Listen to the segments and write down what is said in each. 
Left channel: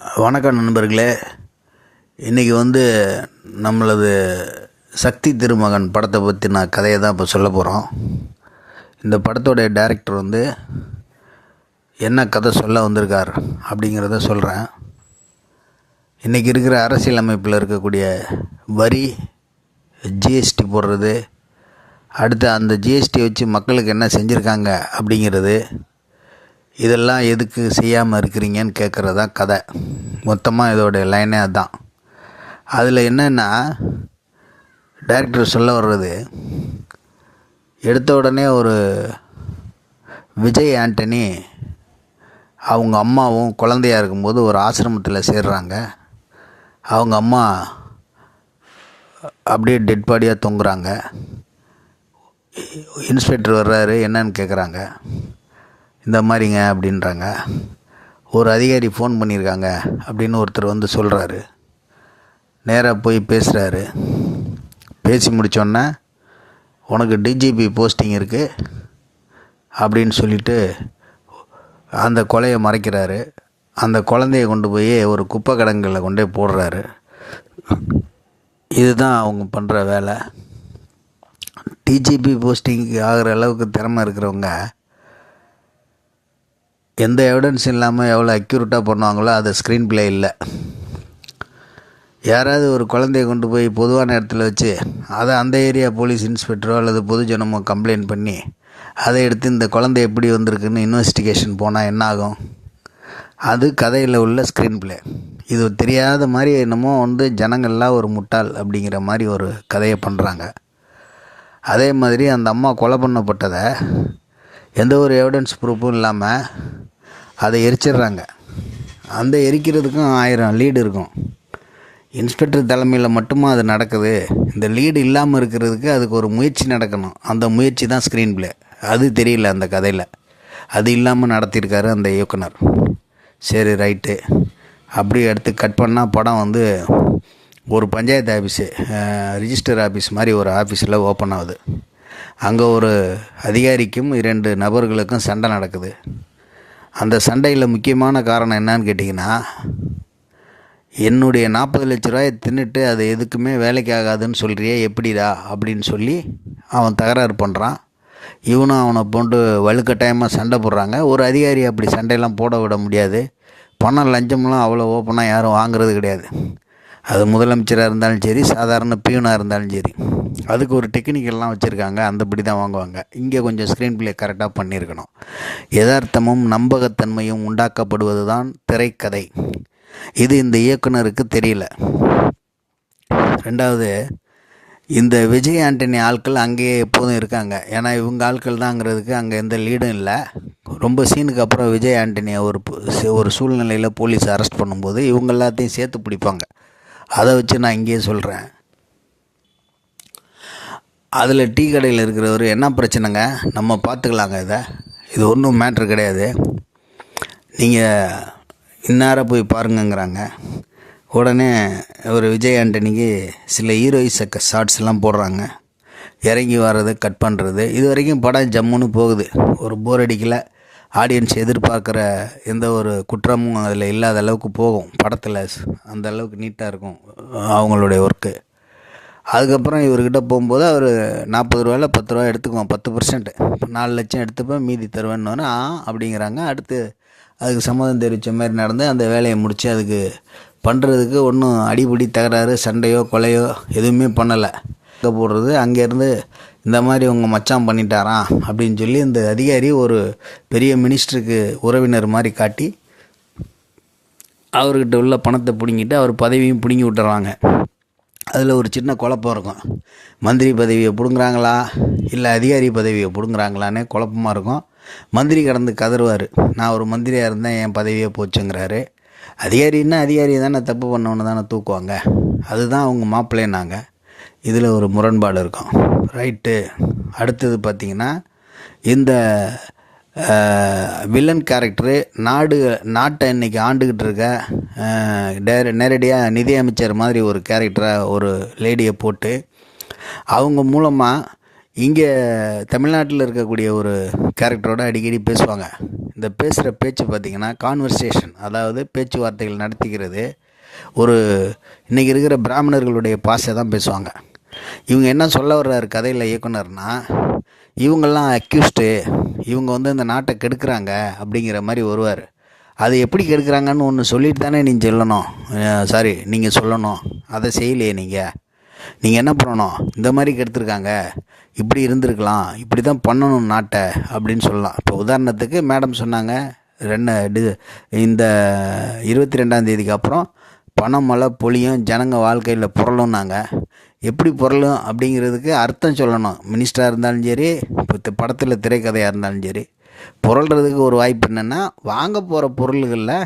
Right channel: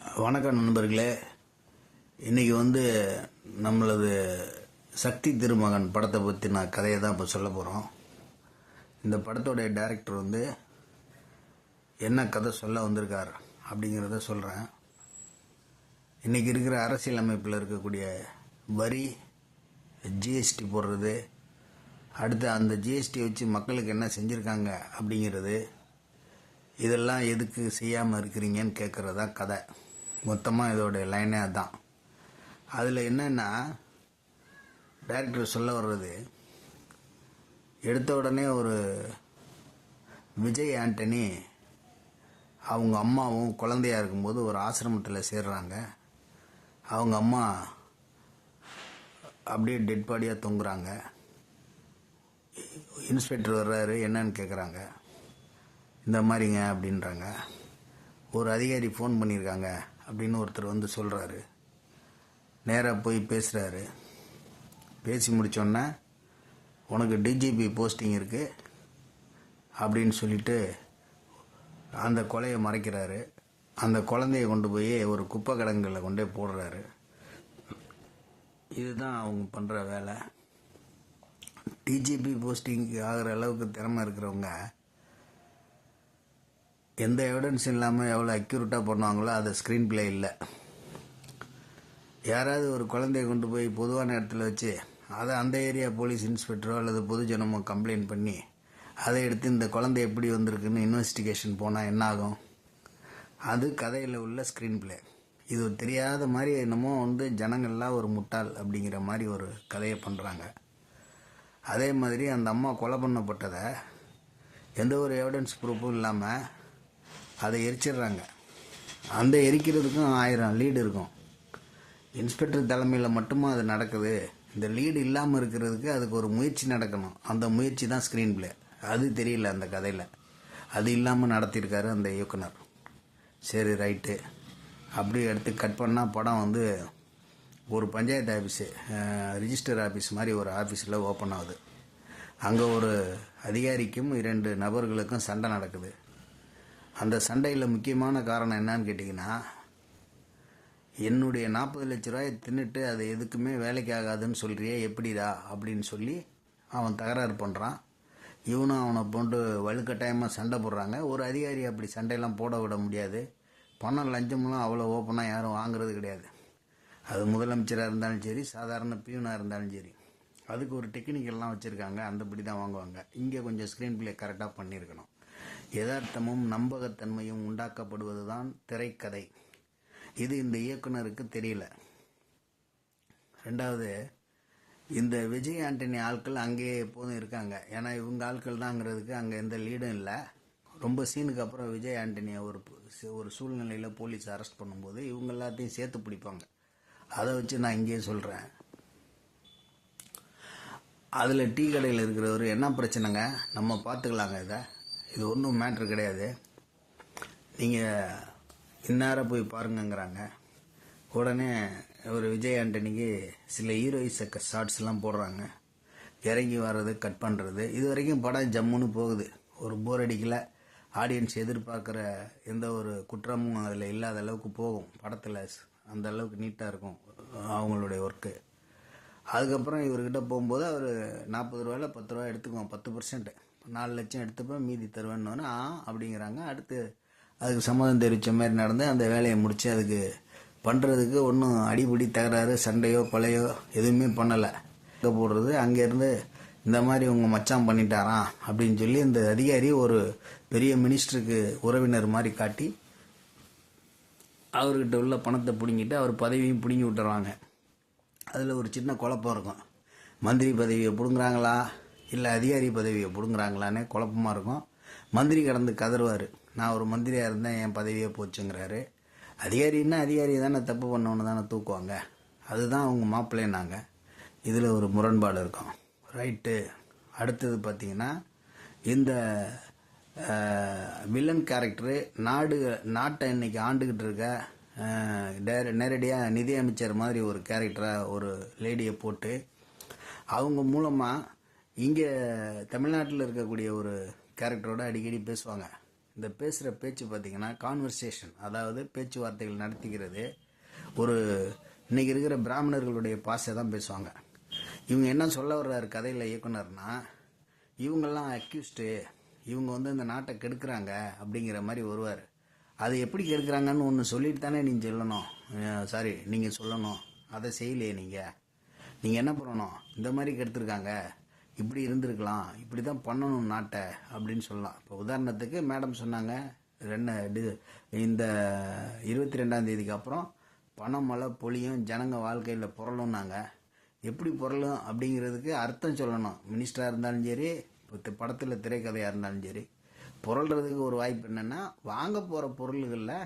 வணக்கம் நண்பர்களே. இன்றைக்கி நம்மளது சக்தி திருமகன் படத்தை பற்றி நான் கதையை தான் இப்போ சொல்ல போகிறோம். இந்த படத்தோடைய டைரக்டர் என்ன கதை சொல்ல வந்திருக்கார் அப்படிங்கிறத சொல்கிறேன். இன்றைக்கி இருக்கிற அரசியலமைப்பில் இருக்கக்கூடிய வரி, ஜிஎஸ்டி போடுறது, அடுத்து அந்த ஜிஎஸ்டி வச்சு மக்களுக்கு என்ன செஞ்சுருக்காங்க அப்படிங்கிறது, இதெல்லாம் எதுக்கு செய்யாமல் இருக்கிறீங்கன்னு கேட்குறது தான் கதை. மொத்தமாக இதோடைய லைனே அதுதான். அதில் என்னென்னா, டைரக்டர் சொல்ல வர்றது, எடுத்த உடனே ஒரு விஜய் ஆண்டனி அவங்க அம்மாவும் குழந்தையாக இருக்கும்போது ஒரு ஆசிரமத்தில் சேர்றாங்க. அவங்க அம்மா அப்படியே டெட் பாடியாக தொங்குறாங்க. இன்ஸ்பெக்டர் வர்றாரு, என்னன்னு கேட்குறாங்க. இந்த மாதிரிங்க அப்படின்றாங்க. ஒரு அதிகாரி ஃபோன் பண்ணியிருக்காங்க அப்படின்னு ஒருத்தர் சொல்கிறாரு. நேராக போய் பேசுகிறாரு. பேசி முடித்தோன்னே, உனக்கு டிஜிபி போஸ்டிங் இருக்குது அப்படின்னு சொல்லிவிட்டு அந்த கொலையை மறைக்கிறாரு. அந்த குழந்தைய கொண்டு போய் ஒரு குப்பை கிடங்கில் கொண்டு போய் போடுறாரு. இதுதான் அவங்க பண்ணுற வேலை. டிஜிபி போஸ்டிங் ஆகிற அளவுக்கு திறமை இருக்கிறவங்க எந்த எவிடன்ஸ் இல்லாமல் எவ்வளோ அக்யூரேட்டாக பண்ணுவாங்களோ அது ஸ்க்ரீன் ப்ளே இல்லை. யாராவது ஒரு குழந்தைய கொண்டு போய் பொதுவான இடத்துல வச்சு அதை அந்த ஏரியா போலீஸ் இன்ஸ்பெக்டரோ அல்லது பொதுஜனமோ கம்ப்ளைண்ட் பண்ணி அதை எடுத்து இந்த குழந்தை எப்படி வந்திருக்குன்னு இன்வெஸ்டிகேஷன் போனால் என்ன ஆகும்? அது கதையில் உள்ள ஸ்க்ரீன் ப்ளே. இது தெரியாத மாதிரி என்னமோ ஜனங்கள்லாம் ஒரு முட்டாள் அப்படிங்கிற மாதிரி ஒரு கதையை பண்ணுறாங்க. அதே மாதிரி அந்த அம்மா கொலை பண்ணப்பட்டதை எந்த ஒரு எவிடன்ஸ் ப்ரூஃபும் இல்லாமல் அதை எரிச்சிடுறாங்க. அந்த எரிக்கிறதுக்கும் 1000 லீடு இருக்கும். இன்ஸ்பெக்டர் தலைமையில் மட்டுமா அது நடக்குது? இந்த லீடு இல்லாமல் இருக்கிறதுக்கு அதுக்கு ஒரு முயற்சி நடக்கணும். அந்த முயற்சி தான் ஸ்க்ரீன் ப்ளே. அது தெரியல அந்த கதையில். அது இல்லாமல் நடத்தியிருக்காரு அந்த இயக்குனர். சரி, ரைட்டு. அப்படி எடுத்து கட் பண்ணால் படம் ஒரு பஞ்சாயத்து ஆஃபீஸு, ரிஜிஸ்டர் ஆஃபீஸ் மாதிரி ஒரு ஆஃபீஸில் ஓப்பன் ஆகுது. அங்கே ஒரு அதிகாரிக்கும் 2 நபர்களுக்கும் சண்டை நடக்குது. அந்த சண்டையில் முக்கியமான காரணம் என்னன்னு கேட்டிங்கன்னா, என்னுடைய 40 லட்ச ரூபாயை தின்னுட்டு அது எதுக்குமே வேலைக்கு ஆகாதுன்னு சொல்கிறியே எப்படிடா அப்படின்னு சொல்லி அவன் தகராறு பண்ணுறான். இவனும் அவனை போட்டு வலுக்கட்டாயமாக சண்டை போடுறாங்க. ஒரு அதிகாரி அப்படி சண்டையெல்லாம் போட விட முடியாது. பணம் லஞ்சம்லாம் அவ்வளோ ஓப்பனாக யாரும் வாங்குறது கிடையாது. அது முதலமைச்சராக இருந்தாலும் சரி, சாதாரண பியூனாக இருந்தாலும் சரி, அதுக்கு ஒரு டெக்னிக்கெல்லாம் வச்சுருக்காங்க. அந்தபடி தான் வாங்குவாங்க. இங்கே கொஞ்சம் ஸ்க்ரீன் ப்ளே கரெக்டாக பண்ணியிருக்கணும். யதார்த்தமும் நம்பகத்தன்மையும் உண்டாக்கப்படுவது தான் திரைக்கதை. இது இந்த இயக்குனருக்கு தெரியல. ரெண்டாவது, இந்த விஜய் ஆண்டனி ஆட்கள் அங்கேயே எப்போதும் இருக்காங்க. ஏன்னா இவங்க ஆட்கள் தாங்கிறதுக்கு அங்கே எந்த லீடும் இல்லை. ரொம்ப சீனுக்கு அப்புறம் விஜய் ஆண்டனியை ஒரு சூழ்நிலையில் போலீஸ் அரெஸ்ட் பண்ணும்போது இவங்க எல்லாத்தையும் சேர்த்து பிடிப்பாங்க. அதை வச்சு நான் இங்கேயே சொல்கிறேன். அதில் டீ கடையில் இருக்கிறவர், என்ன பிரச்சனைங்க, நம்ம பார்த்துக்கலாங்க, இது ஒன்றும் மேட்ரு கிடையாது, நீங்கள் இந்நேரம் போய் பாருங்கங்கிறாங்க. உடனே ஒரு விஜய் ஆண்டனிக்கு சில ஹீரோயிஸ் ஷார்ட்ஸ்லாம் போடுறாங்க. இறங்கி வர்றது, கட் பண்ணுறது. இது வரைக்கும் படம் ஜம்முன்னு போகுது. ஒரு போர் அடிக்கலை. ஆடியன்ஸ் எதிர்பார்க்குற எந்த ஒரு குற்றமும் அதில் இல்லாத அளவுக்கு போகும். படத்தில் அந்த அளவுக்கு நீட்டாக இருக்கும் அவங்களுடைய ஒர்க்கு. அதுக்கப்புறம் இவர்கிட்ட போகும்போது அவர் 40 ரூபாயில் 10 ரூபா எடுத்துக்குவோம், 10%. 4 லட்சம் எடுத்துப்பேன், மீதி தருவேன்னு அப்படிங்கிறாங்க. அடுத்து அதுக்கு சம்மதம் தெரிவித்த மாதிரி நடந்து அந்த வேலையை முடித்து அதுக்கு பண்ணுறதுக்கு ஒன்றும் அடிபடி தகராறு, சண்டையோ கொலையோ எதுவுமே பண்ணலை. போடுறது அங்கேருந்து இந்த மாதிரி உங்கள் மச்சான் பண்ணிட்டாராம் அப்படின்னு சொல்லி இந்த அதிகாரி ஒரு பெரிய மினிஸ்டருக்கு உறவினர் மாதிரி காட்டி அவர்கிட்ட உள்ள பணத்தை பிடுங்கிட்டு அவர் பதவியும் பிடுங்கி விட்டுறாங்க. அதில் ஒரு சின்ன குழப்பம் இருக்கும். மந்திரி பதவியை பிடுங்குறாங்களா இல்லை அதிகாரி பதவியை பிடுங்குறாங்களான்னு குழப்பமாக இருக்கும். மந்திரி கடந்து கதறுவார், நான் ஒரு மந்திரியாக இருந்தேன், என் பதவியே போச்சுங்கிறாரு. அதிகாரின்னா அதிகாரி தானே, தப்பு பண்ணவொன்னு தானே தூக்குவாங்க. அதுதான் அவங்க மாப்பிள்ளைன்னாங்க. இதில் ஒரு முரண்பாடு இருக்கும். ரைட்டு. அடுத்தது பார்த்திங்கன்னா, இந்த வில்லன் கேரக்டரு நாட்டை இன்றைக்கி ஆண்டுக்கிட்டு இருக்க நேரடியாக நிதியமைச்சர் மாதிரி ஒரு கேரக்டரை ஒரு லேடியை போட்டு அவங்க மூலமாக இங்கே தமிழ்நாட்டில் இருக்கக்கூடிய ஒரு கேரக்டரோட அடிக்கடி பேசுவாங்க. இந்த பேசுகிற பேச்சு பார்த்திங்கன்னா கான்வர்சேஷன், அதாவது பேச்சுவார்த்தைகள் நடத்திக்கிறது ஒரு இன்றைக்கி இருக்கிற பிராமணர்களுடைய பாஷை தான் பேசுவாங்க. இவங்க என்ன சொல்ல வர்றாரு கதையில் இயக்குனர்னா, இவங்கெல்லாம் அக்யூஸ்டு, இவங்க வந்து இந்த நாட்டை கெடுக்கிறாங்க அப்படிங்கிற மாதிரி வருவார். அது எப்படி கெடுக்கிறாங்கன்னு ஒன்று சொல்லிட்டு தானே நீங்கள் சொல்லணும், நீங்கள் சொல்லணும். அதை செய்யலையே நீங்கள் என்ன பண்ணணும், இந்த மாதிரி கெடுத்துருக்காங்க, இப்படி இருந்திருக்கலாம், இப்படி தான் பண்ணணும் நாட்டை அப்படின்னு சொல்லலாம். இப்போ உதாரணத்துக்கு மேடம் சொன்னாங்க, இந்த 22ஆம் தேதிக்கு அப்புறம் பணம் மழை பொழியும், ஜனங்க வாழ்க்கையில் புரளும்னாங்க. எப்படி புரளும் அப்படிங்கிறதுக்கு அர்த்தம் சொல்லணும். மினிஸ்டராக இருந்தாலும் சரி, இப்போ படத்தில் திரைக்கதையாக இருந்தாலும் சரி, புரள்றதுக்கு ஒரு வாய்ப்பு என்னென்னா, வாங்க போகிற பொருள்களில்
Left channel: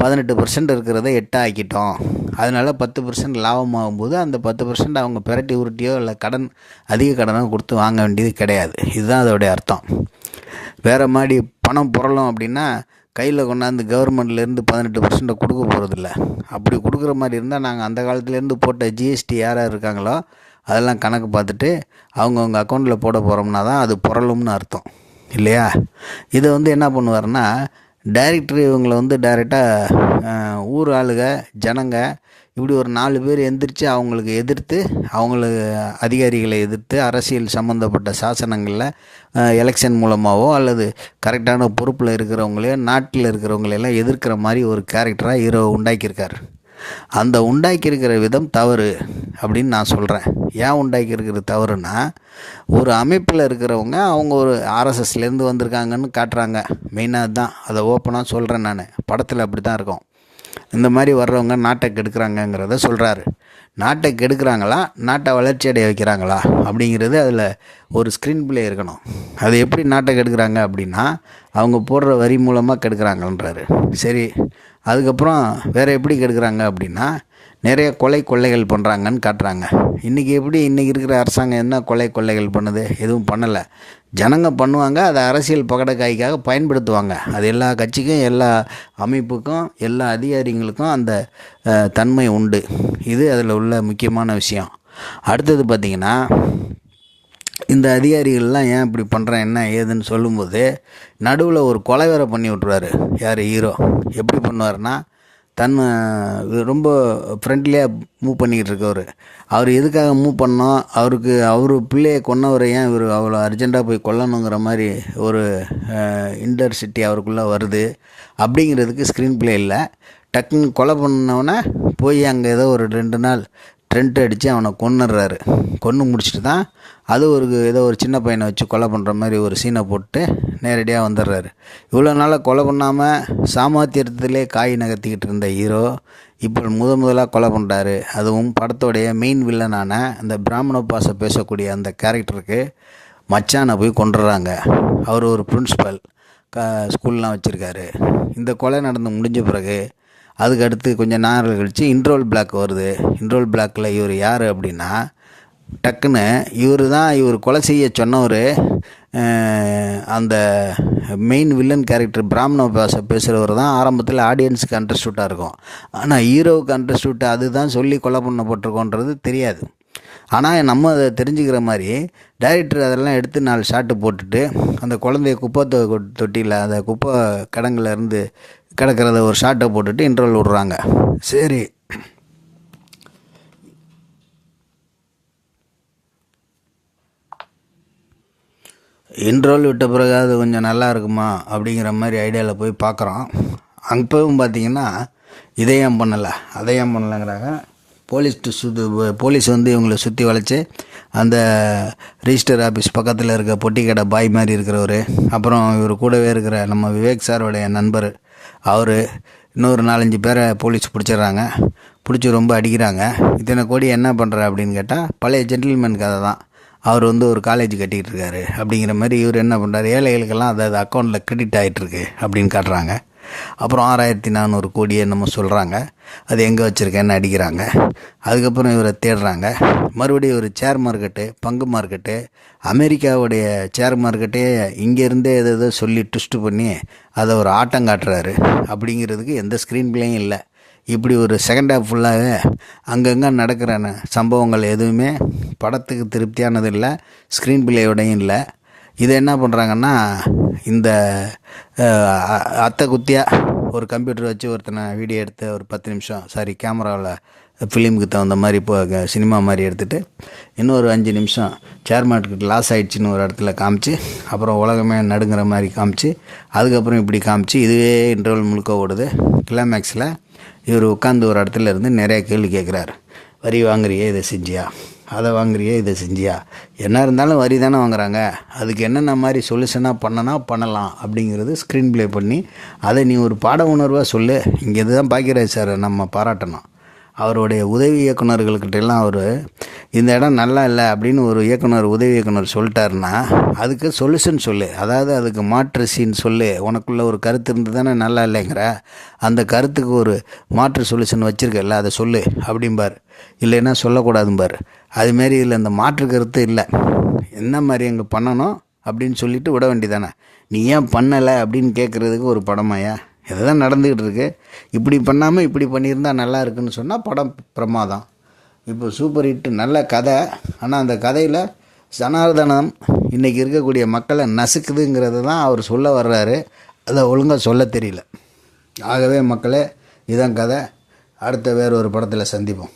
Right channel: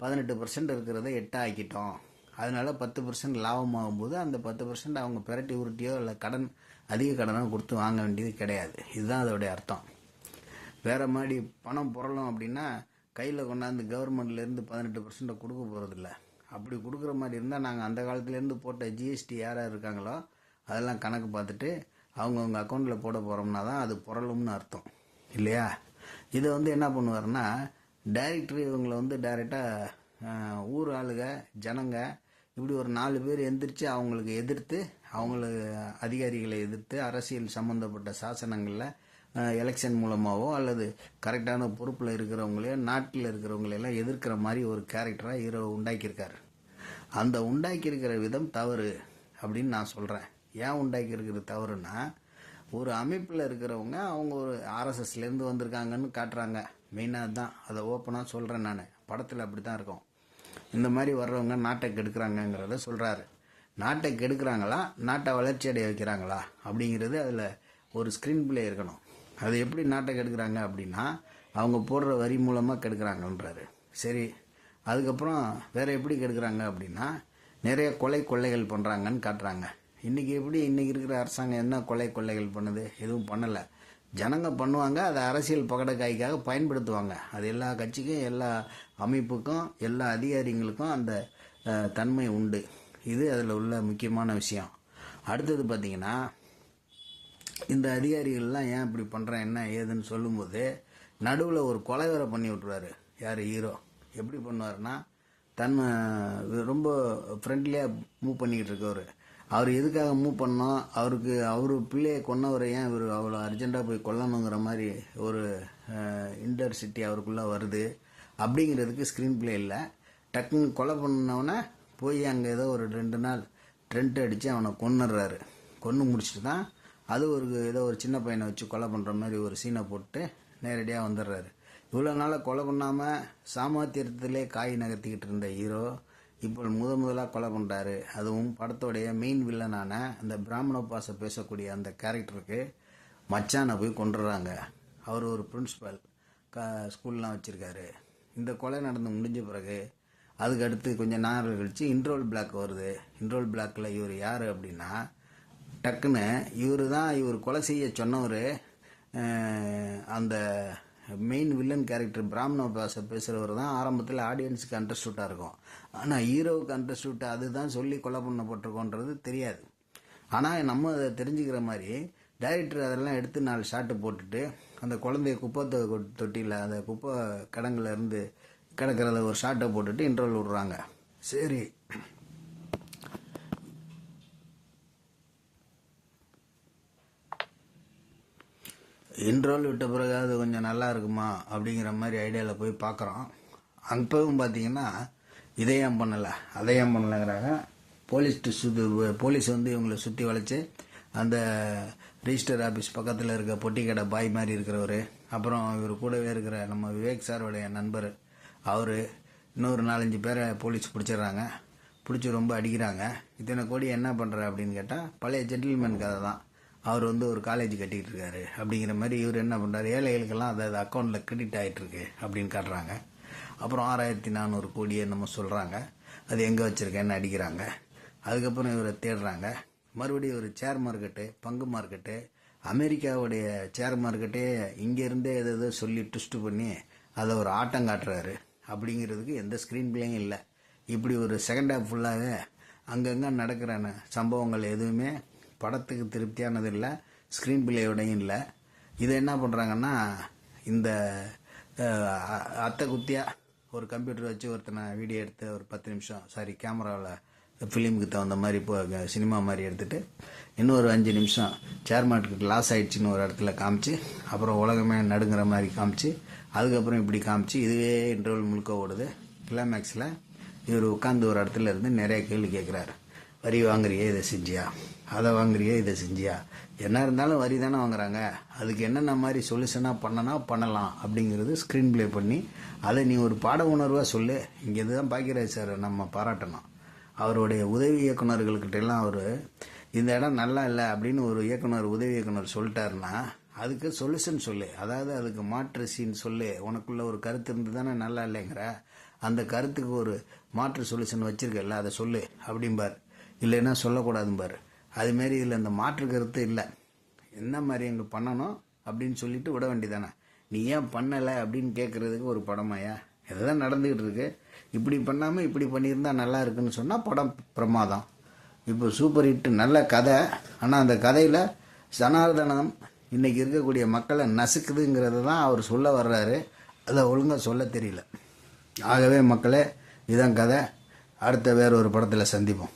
18% இருக்கிறத 8 ஆக்கிட்டோம், அதனால் 10% லாபமாகும்போது அந்த 10% அவங்க பிரட்டி உருட்டியோ இல்லை அதிக கடனோ கொடுத்து வாங்க வேண்டியது கிடையாது. இதுதான் அதோடைய அர்த்தம். வேறு மாதிரி பணம் புரளும் அப்படின்னா கையில் கொண்டாந்து கவர்மெண்ட்லேருந்து 18% கொடுக்க போகிறதில்ல. அப்படி கொடுக்குற மாதிரி இருந்தால் நாங்கள் அந்த காலத்துலேருந்து போட்ட ஜிஎஸ்டி யார் யார் இருக்காங்களோ அதெல்லாம் கணக்கு பார்த்துட்டு அவங்கவுங்க அக்கௌண்ட்டில் போட போகிறோம்னா தான் அது புரளும்னு அர்த்தம் இல்லையா? இதை வந்து என்ன பண்ணுவார்னா, டைரக்டர் இவங்களை வந்து டைரெக்டாக ஊர் ஆளுக ஜனங்க இப்படி ஒரு 4 பேர் எந்திரிச்சு அவங்களுக்கு எதிர்த்து, அவங்களுக்கு அதிகாரிகளை எதிர்த்து, அரசியல் சம்மந்தப்பட்ட சாசனங்களில் எலெக்ஷன் மூலமாகவோ அல்லது கரெக்டான பொறுப்பில் இருக்கிறவங்களையோ நாட்டில் இருக்கிறவங்களையெல்லாம் எதிர்க்கிற மாதிரி ஒரு கேரக்டராக ஹீரோ உண்டாக்கியிருக்கார். அந்த உண்டாக்கியிருக்கிற விதம் தவறு அப்படின்னு நான் சொல்கிறேன். ஏன் உண்டாக்கியிருக்கிற தவறுனா, ஒரு அமைப்பில் இருக்கிறவங்க அவங்க ஒரு ஆர்எஸ்எஸ்லேருந்து வந்திருக்காங்கன்னு காட்டுறாங்க. மெயினாக தான் அதை ஓப்பனாக சொல்கிறேன். நான் படத்தில் அப்படி தான் இருக்கும். இந்த மாதிரி வர்றவங்க நாட்டை கெடுக்கிறாங்கங்கிறத சொல்கிறாரு. நாட்டை கெடுக்கிறாங்களா, நாட்டை வளர்ச்சி அடைய வைக்கிறாங்களா அப்படிங்கிறது அதில் ஒரு ஸ்க்ரீன் பிளே இருக்கணும். அது எப்படி நாட்டை கெடுக்கிறாங்க அப்படின்னா, அவங்க போடுற வரி மூலமாக கெடுக்கிறாங்கன்றாரு. சரி, அதுக்கப்புறம் வேறு எப்படி கெடுக்கிறாங்க அப்படின்னா, நிறைய கொள்ளைகள் பண்ணுறாங்கன்னு காட்டுறாங்க. இன்றைக்கி இருக்கிற அரசாங்கம் என்ன கொள்ளைகள் பண்ணுது? எதுவும் பண்ணலை. ஜனங்க பண்ணுவாங்க, அதை அரசியல் பகடக்காய்க்காக பயன்படுத்துவாங்க. அது எல்லா கட்சிக்கும், எல்லா அமைப்புக்கும், எல்லா அதிகாரிகளுக்கும் அந்த தன்மை உண்டு. இது அதில் உள்ள முக்கியமான விஷயம். அடுத்தது பார்த்திங்கன்னா, இந்த அதிகாரிகள்லாம் ஏன் இப்படி பண்ணுறேன் என்ன ஏதுன்னு சொல்லும்போது நடுவில் ஒரு கொலை வேற பண்ணி விட்ருவார். யார்? ஹீரோ. எப்படி பண்ணுவார்னா, ரொம்ப ஃப்ரெண்ட்லியாக மூவ் பண்ணிக்கிட்டு இருக்கவர். அவர் எதுக்காக மூவ் பண்ணோம், அவர் பிள்ளையை கொன்னவரை ஏன் இவர் அவ்வளோ அர்ஜெண்ட்டாக போய் கொல்லணுங்கிற மாதிரி ஒரு இன்டர்சிட்டி அவருக்குள்ளே வருது அப்படிங்கிறதுக்கு ஸ்க்ரீன் பிளே இல்லை. டக்குன்னு கொலை பண்ணவனை போய் அங்கே ஏதோ ஒரு 2 நாள் ட்ரெண்ட் அடித்து அவனை கொன்னுடுறாரு. கொன்று முடிச்சுட்டு தான் அது ஏதோ ஒரு சின்ன பையனை வச்சு கொலை பண்ணுற மாதிரி ஒரு சீனை போட்டு நேரடியாக வந்துடுறாரு. இவ்வளோ நாளாக கொலை பண்ணாமல் சாமர்த்தியத்திலே காய் நகர்த்திக்கிட்டு இருந்த ஹீரோ இப்போ முதலாக கொலை பண்ணுறாரு. அதுவும் படத்தோடைய மெயின் வில்லனான அந்த பிராமண பாஷை பேசக்கூடிய அந்த கேரக்டருக்கு மச்சானை போய் கொண்டுடுறாங்க. அவர் ஒரு பிரின்ஸிபல், ஸ்கூல்லாம் வச்சுருக்காரு. இந்த கொலை நடந்து முடிஞ்ச பிறகு அதுக்கு அடுத்து கொஞ்சம் நேரம் கழித்து இன்ட்ரோல் பிளாக் வருது. இன்ட்ரோல் பிளாக்கில் இவர் யார் அப்படின்னா, டக்குன்னு இவர் கொலை செய்ய சொன்னவர் அந்த மெயின் வில்லன் கேரக்டர் பிராமண பாஷை பேசுகிறவர் தான் ஆரம்பத்தில் ஆடியன்ஸுக்கு அண்டர்ஸ்டூட்டாக இருக்கும். ஆனால் ஹீரோவுக்கு அண்டர்ஸ்டூட்டாக அதுதான் சொல்லி கொலை பண்ணப்பட்டிருக்கோன்றது தெரியாது. ஆனால் நம்ம அதை தெரிஞ்சுக்கிற மாதிரி டைரக்டர் அதெல்லாம் எடுத்து 4 ஷாட்டு போட்டுட்டு அந்த குழந்தைய குப்பை தொட்டியில் அந்த குப்பை கிடங்குல இருந்து கிடக்கிறத ஒரு ஷாட்டை போட்டுட்டு இன்ட்ரோல் விட்றாங்க. சரி, இன்ட்ரோல் விட்ட பிறகு அது கொஞ்சம் நல்லா இருக்குமா அப்படிங்கிற மாதிரி ஐடியாவில் போய் பார்க்குறோம். அப்பவும் பார்த்திங்கன்னா இதை ஏன் பண்ணலை அதை ஏன் பண்ணலைங்கிறாங்க. போலீஸ் வந்து இவங்களை சுற்றி வளைச்சி அந்த ரிஜிஸ்டர் ஆஃபீஸ் பக்கத்தில் இருக்க பொட்டி கடை பாய் மாதிரி இருக்கிறவர், அப்புறம் இவர் கூடவே இருக்கிற நம்ம விவேக் சாரோடைய நண்பர், அவர் இன்னொரு 4-5 பேரை போலீஸ் பிடிச்சிடுறாங்க. பிடிச்சி ரொம்ப அடிக்கிறாங்க. இத்தனை கோடி என்ன பண்ணுற அப்படின்னு கேட்டால் பழைய ஜென்டில்மேன் கதை தான். அவர் வந்து ஒரு காலேஜ் கட்டிக்கிட்டு இருக்காரு அப்படிங்கிற மாதிரி இவர் என்ன பண்ணுறாரு, ஏழைகளுக்கெல்லாம் அதாவது அக்கௌண்ட்டில் கிரெடிட் ஆகிட்டுருக்கு அப்படின்னு காட்டுறாங்க. அப்புறம் 6400 கோடியை நம்ம சொல்கிறாங்க. அது எங்கே வச்சுருக்கேன்னு அடிக்கிறாங்க. அதுக்கப்புறம் இவரை தேடுறாங்க. மறுபடியும் ஒரு ஷேர் மார்க்கெட்டு, பங்கு மார்க்கெட்டு, அமெரிக்காவுடைய ஷேர் மார்க்கெட்டே இங்கேருந்தே எதோ சொல்லி ட்விஸ்ட்டு பண்ணி அதை ஒரு ஆட்டம் காட்டுறாரு. அப்படிங்கிறதுக்கு எந்த ஸ்க்ரீன் பிளேயும் இல்லை. இப்படி ஒரு செகண்ட் ஹாஃப் ஃபுல்லாகவே அங்கங்கே நடக்கிற சம்பவங்கள் எதுவுமே படத்துக்கு திருப்தியானது இல்லை, ஸ்க்ரீன் பிளேயோடையும் இல்லை. இதை என்ன பண்ணுறாங்கன்னா, இந்த அத்தை குத்தியாக ஒரு கம்ப்யூட்டர் வச்சு ஒருத்தனை வீடியோ எடுத்து ஒரு 10 நிமிஷம் கேமராவில் ஃபிலிமுக்கு தகுந்த மாதிரி இப்போ சினிமா மாதிரி எடுத்துகிட்டு இன்னொரு 5 நிமிஷம் ஷேர் மார்க்கெட் லாஸ் ஆகிடுச்சின்னு ஒரு இடத்துல காமிச்சு, அப்புறம் உலகமே நடுங்கிற மாதிரி காமிச்சு, அதுக்கப்புறம் இப்படி காமிச்சு, இதுவே இன்டர்வல் முழுக்க ஓடுது. கிளைமேக்ஸில் இவர் உட்காந்து ஒரு இடத்துல இருந்து நிறைய கேள்வி கேட்குறாரு. வரி வாங்குறியே, இதை செஞ்சியா, அதை வாங்குறியே, இதை செஞ்சியா, என்ன இருந்தாலும் வரி தானே வாங்குறாங்க, அதுக்கு என்னென்ன மாதிரி சொல்யூஷனாக பண்ணலாம் அப்படிங்கிறது ஸ்க்ரீன் ப்ளே பண்ணி அதை நீ ஒரு பாட உணர்வாக சொல்லு. இங்கே இதுதான் பாக்கியராஜ் சார் நம்ம பாராட்டணும். அவருடைய உதவி இயக்குநர்கள்கிட்டெல்லாம் அவர் இந்த இடம் நல்லா இல்லை அப்படின்னு ஒரு உதவி இயக்குனர் சொல்லிட்டாருன்னா அதுக்கு சொல்யூஷன் சொல்லு, அதாவது அதுக்கு மாற்று சீன் சொல்லு. உனக்குள்ளே ஒரு கருத்து இருந்து தானே நல்லா இல்லைங்கிற, அந்த கருத்துக்கு ஒரு மாற்று சொல்யூஷன் வச்சுருக்கல, அதை சொல்லு அப்படிம்பார். இல்லைன்னா சொல்லக்கூடாதும்பார். அதுமாரி இதில் இந்த மாற்று கருத்து இல்லை, என்ன மாதிரி அங்கே பண்ணணும் அப்படின்னு சொல்லிவிட்டு விட வேண்டியதானே. நீ ஏன் பண்ணலை அப்படின்னு கேட்குறதுக்கு ஒரு படமாயா? இதுதான் நடந்துக்கிட்டு இருக்கு. இப்படி பண்ணாமல் இப்படி பண்ணியிருந்தால் நல்லா இருக்குன்னு சொன்னால் படம் பிரமாதம். இப்போ சூப்பர் ஹிட்டு, நல்ல கதை. ஆனால் அந்த கதையில் ஜனார்தனம் இன்றைக்கி இருக்கக்கூடிய மக்களை நசுக்குதுங்கிறது தான் அவர் சொல்ல வர்றாரு. அதை ஒழுங்காக சொல்ல தெரியல. ஆகவே மக்களே, இதான் கதை. அடுத்த வேறு ஒரு படத்தில் சந்திப்போம்.